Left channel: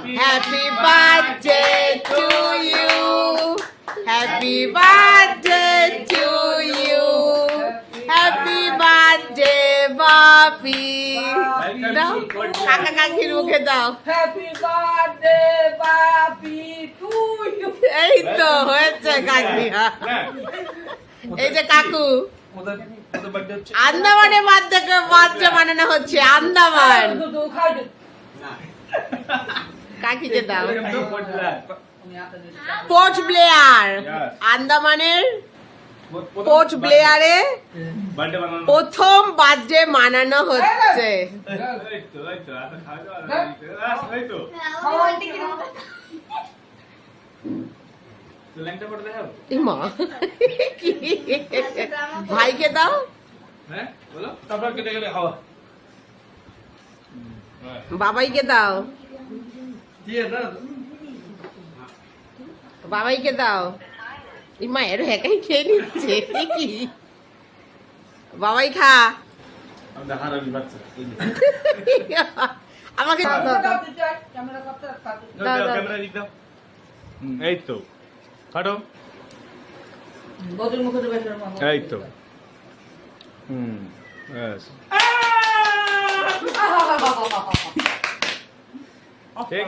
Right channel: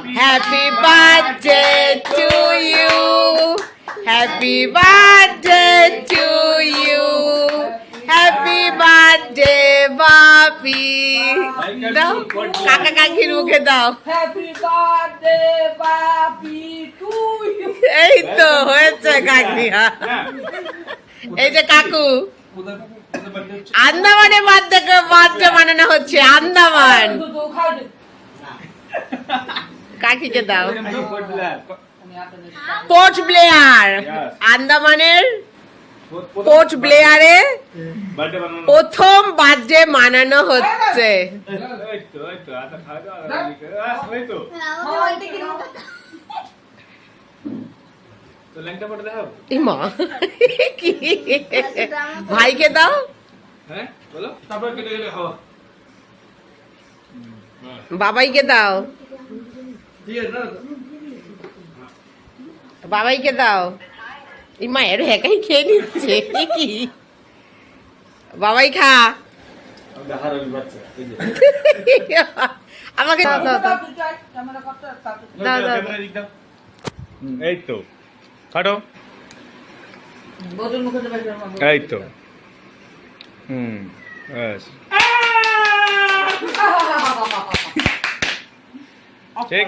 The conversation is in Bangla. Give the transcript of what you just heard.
Happy birthday to you. Happy birthday to you. Happy birthday, Bapi. দাও কাকা কাকির মুখে দাও। Happy birthday, Bapi, to you. এই তো হয়েছে কাকি। এই যে কাকু আন্দামানে বার্থডে বানানো হচ্ছে। আন্দামান কাকিকে দাও। পোর্ট ব্লেয়ার, আন্দামানের পোর্ট ব্লেয়ারে প্রথম বার্থডে মানানো হচ্ছে। মা কি ভাইকে দাও। বাবাইকে দাও। বাবাইকে দাও। এই মায়ের একাই খেয়ে নিচ্ছে কি। বাবাই খা। আমাকে দাও দাও দাও দাও দাও। এই তো কাটো। এই তো ব্যাস ঠিক।